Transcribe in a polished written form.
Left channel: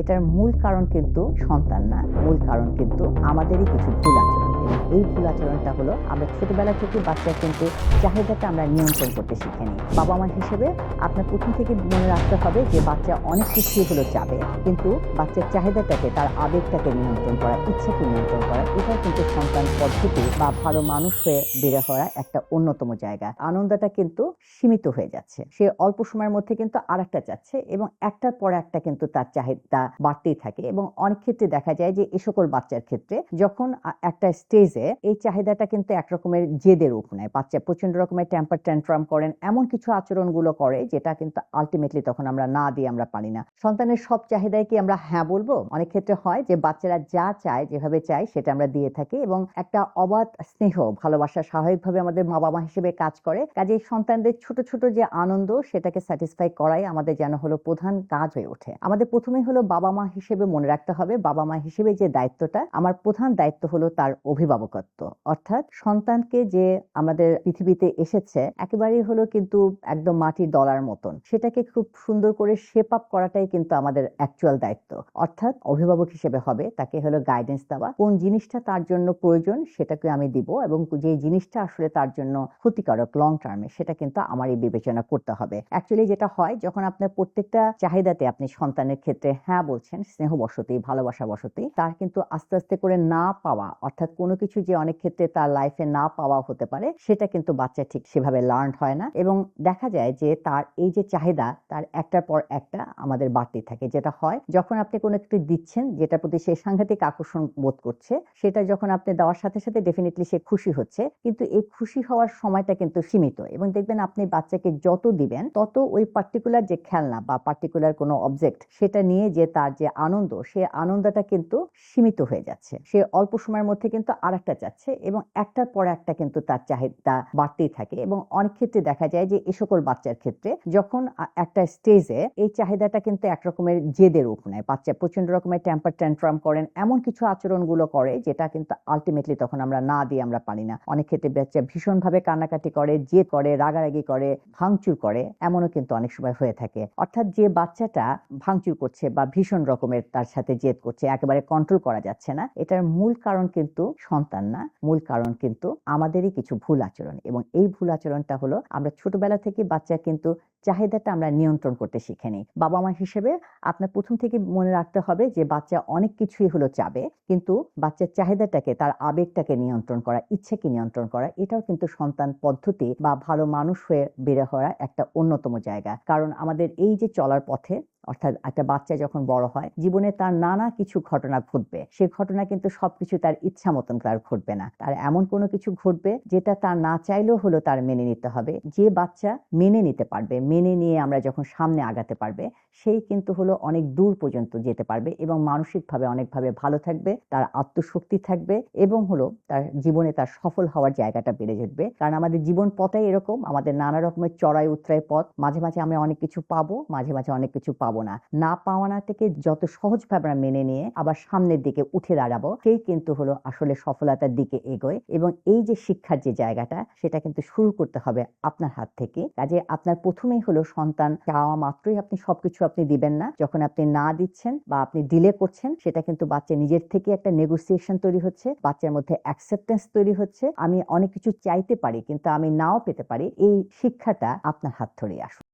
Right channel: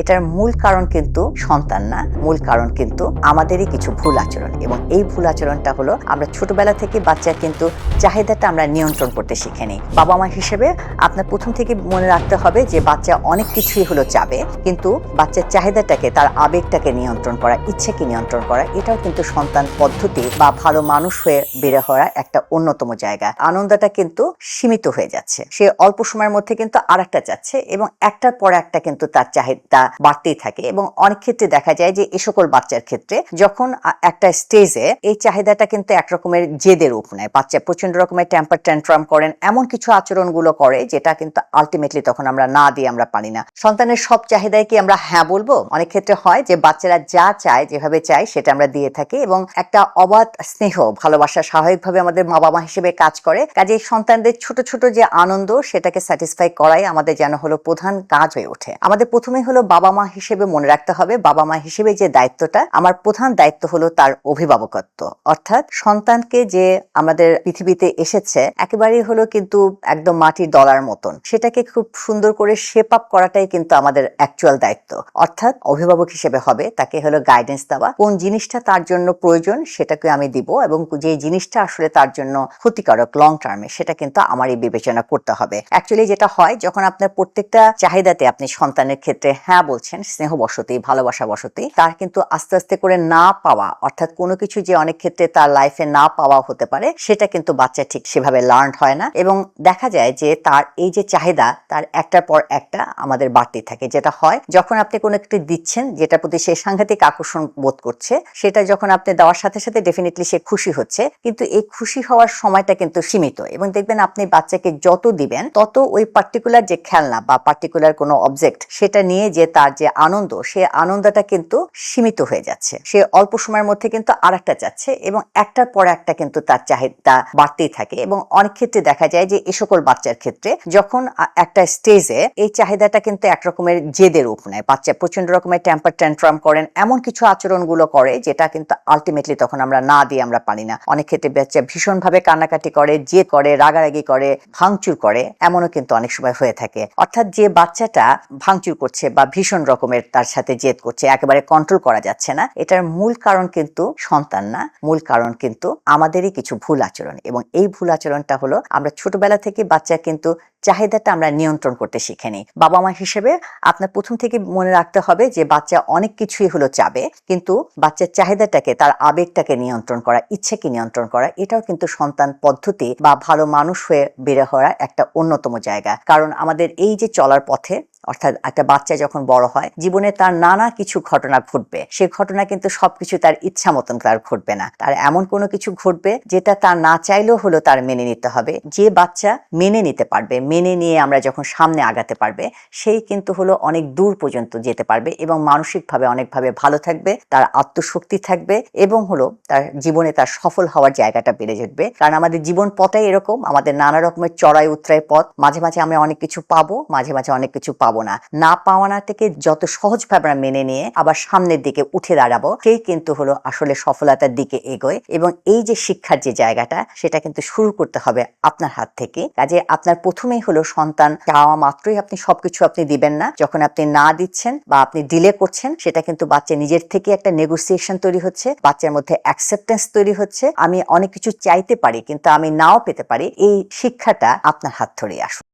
এটার মূল কারণ কিন্তু সন্তান না, মূল কারণ কিন্তু আমাদেরই কিছু ভুল আচরণ। এবং এই ভুল আচরণটা হলো আমরা ছোটবেলা থেকে বাচ্চার কিন্তু চাহিদাটা আমরা নিয়ন্ত্রণ করতে শিখে নিই। বাবা মা হিসেবে আপনার প্রথম থেকে মনে রাখতে হবে যে বাচ্চা অনেক কিছুই হলো চাবে, কিন্তু বাচ্চার চাহিদাটাকে, তার আবেগটাকে নিয়ন্ত্রণ করা, ইচ্ছাকে নিয়ন্ত্রণ করা, এটাও কিন্তু সন্তান পদ্ধতি বা ভালো মানুষ হয়ে বেড়ে হওয়ার একটা অন্যতম জায়গা। আনন্দটা কিন্তু সীমিত হয়ে যাচ্ছে, সে অল্প সময়ের মধ্যে কিন্তু আরেকটা চাচ্ছে এবং একটার পর একটা কিন্তু তার চাহিদা বাড়তেই থাকে। এবং অনেক ক্ষেত্রে দেখা যায় যে এই সকল বাচ্চার ক্ষেত্রে যখন একটা স্টেজে এই চাহিদাটা কিন্তু একরকমের জেদের রূপ নেয়, বাচ্চা প্রচন্ড রকমের টেম্পার ট্যান্ট্রাম করেন, এমন কিছু আচরণগুলো করে যেটা কিন্তু আলটিমেটলি তখন আমরা না দিয়ে আমরা পারি না। সন্তানের সব চাহিদায় কি আমরা হ্যাঁ বলবো? অনেক ক্ষেত্রে হয় যে বাচ্চারা যা চায়, যেভাবে চায় সেটা আমরা দিয়ে থাকি এবং একটা অবাধ স্নেহ ভালোবাসা স্বাভাবিকভাবে আমাদের মা বাবা হিসেবে কাজ করে। কাজে সন্তানদের ছোট ছোট যে আনন্দ সেটাকে স্যাটিসফাই করাই আমাদের যেন হলো প্রধান কাজ হয়ে ওঠে। আমাদের প্রথমেই হলো বাবা মা হিসেবে মনে রাখতে হবে, বাবা মা হিসেবে যে দায়িত্বটা, আমার প্রধান দায়িত্ব হলো তার অভিভাবকত্ব। অর্থাৎ সন্তানকে যে আমাদের পৃথিবীতে এসেছে একেবারেই হলো কিন্তু একদম মাটির দলার মতন, সেটাকে খুব সুন্দর করে শেপ আপ করাটাই কিন্তু আমাদের অ্যাকচুয়াল দায়িত্ব। অর্থাৎ অভিভাবক হিসেবে হবে তাকে হলো গাইডেন্স দেওয়া, কোন জিনিসটা তার জন্য প্রয়োজন সেটাকে আমি দিব এবং যে জিনিসটা আসলে তার জন্য ক্ষতিকারক লং টার্মে সেটা কিন্তু আমারই বিবেচনা করতে হবে। অ্যাকচুয়ালি যেটা হয়, যখন আপনার প্রত্যেকটা চাহিদাতে আপনি সন্তানের ক্ষেত্রে হ্যাঁ বলছেন স্নেহ বশতী, ভালোবাসা বশতী, তার কিন্তু আস্তে আস্তে করে না পাওয়া, অর্থাৎ কোনো কিছু যে অনেক ক্ষেত্রে তার লাইফে না পাওয়া হতে পারে সেটা কিন্তু বাচ্চা ঠিক সেভাবে লার্ন হয় না এবং দেখা যায় যে তার এই যে চাহিদা তার একটার পর একটা আমাদের বাড়তেই থাকে। যেটা হয়, যখন আপনি কোনো একটু দিচ্ছেন যেটার প্রতি সে সাংঘাতিক আকর্ষণ বোধ করছে, সেটা যখন আপনি দেওয়ার সাথে সাথে ডেফিনেটলি সে খুশি হচ্ছে, কিন্তু এই খুশি হওয়ার সময়টা কিন্তু সীমিত এবং দেখবেন আপনি বাচ্চাকে যত দিবেন তত ওই পার্টিকুলার যে খেলনা বা পার্টিকুলার কোনো অবজেক্ট সেটা নিয়ে যে তার যে আনন্দ, সে আনন্দটা কিন্তু সীমিত হয়ে যাচ্ছে, সে অল্প সময়ের মধ্যে কিন্তু আরেকটা চাচ্ছে এবং একটার পর একটা কিন্তু তার চাহিদা বাড়তেই থাকে। এবং অনেক ক্ষেত্রে দেখা যায় যে এই সকল বাচ্চার ক্ষেত্রে যখন একটা স্টেজে এই চাহিদাটা কিন্তু একরকমের জেদের রূপ নেয়, বাচ্চা প্রচন্ড রকমের টেম্পার ট্যান্ট্রাম করেন, এমন কিছু আচরণগুলো করে যেটা কিন্তু আলটিমেটলি তখন আমরা না দিয়ে আমরা পারি না। অনেক ক্ষেত্রে বাচ্চা ভীষণভাবে কান্নাকাটি করে, জেদ করে, রাগারাগি করে, ভাঙচুর করে, এমনও কিন্তু অনেক সময় হয়ে থাকে। অর্থাৎ যে বাচ্চাটা ভাঙচুর করছে বা ভীষণ রকমের তার সাথে জেদ করছে, একেবারে কন্ট্রোল করা যাচ্ছে না, এটার মূল কারণ কিন্তু সন্তান না, মূল কারণ কিন্তু আমাদেরই কিছু ভুল আচরণ। এবং এই ভুল আচরণটা হলো আমরা ছোটবেলা থেকে বাচ্চা কিন্তু চাহিদাটা আমরা নিয়ন্ত্রণ করতে শিখে নিই। বাবা মা হিসেবে আপনার প্রথম থেকে মনে রাখতে হবে যে বাচ্চা অনেক কিছুই হলো চাবে, কিন্তু বাচ্চার চাহিদাটাকে, তার আবেগটাকে নিয়ন্ত্রণ করা, ইচ্ছাকে নিয়ন্ত্রণ করা, এটাও কিন্তু সন্তান পদ্ধতি বা ভালো মানুষ হয়ে বেড়ে হওয়ার একটা অন্যতম জায়গা। কারণ আমাদের এই যে চলার পথে, অর্থাৎ একটা বাচ্চা যখন বড় হয় জীবনে তার নানা কিছু ঘটনা ঘটবে, সে ঘটনা কিন্তু সবকিছু তার ইচ্ছা মতন তার ঘটবে না, তার এমন কোনো কিছু ঘটবে যেটা তার না চাইলেও হলো তার মেনে নিতে হবে। যে বাচ্চা মেনে নিতে পারবে, মেনে নিয়ে আমরা যখন সামনে আগাতে পারবে, সেই কিন্তু হলো অনেক দূর পর্যন্ত যেতে পারবে এবং মানসিকভাবে অনেকভাবে ভালো থাকবে, তার আত্মশক্তি থাকবে এবং হলো তার জীবনে তার সফল হওয়ার জায়গাটা বেড়ে যাবে। কারণ আমাদের জীবন পথটাই এরকম, আমাদের নানা রকমের চড়াই উতরাই পথ, মাঝে মাঝে আমরা অনেক কিছু পাবো, মাঝে মাঝে অনেক কিছু পাবো না পাওয়ানাটাকে যত সহজভাবে আমরা মেনে নিয়ে আবার সামনের দিকে উঠে দাঁড়াবো, সেই কিন্তু হলো আসলে সফলতার দিকে এগোয়। এবং এই যে শিক্ষার যে জায়গাটা, সেটা কিন্তু শুরু করতে হবে আপনার হাত থেকে। কাজে আপনার প্রথমেই হলো সন্তান চাওয়া মাত্রই আপনি সবকিছু আপনি দিবেন না। যখন আপনি না দিচ্ছেন বা আপনি ডিলে করছেন, সেটা কিন্তু বাচ্চা নিজের থেকে একটা নেগোসিয়েশন তৈরি হচ্ছে, বাচ্চার মধ্যে অ্যাকসেপ্টেন্স তৈরি হচ্ছে, আমি অনেক কিছু চাইতে পারি কিন্তু আমি নাও পেতে পারি। এই শিক্ষাটা আপনার হাত ধরেই আসুন।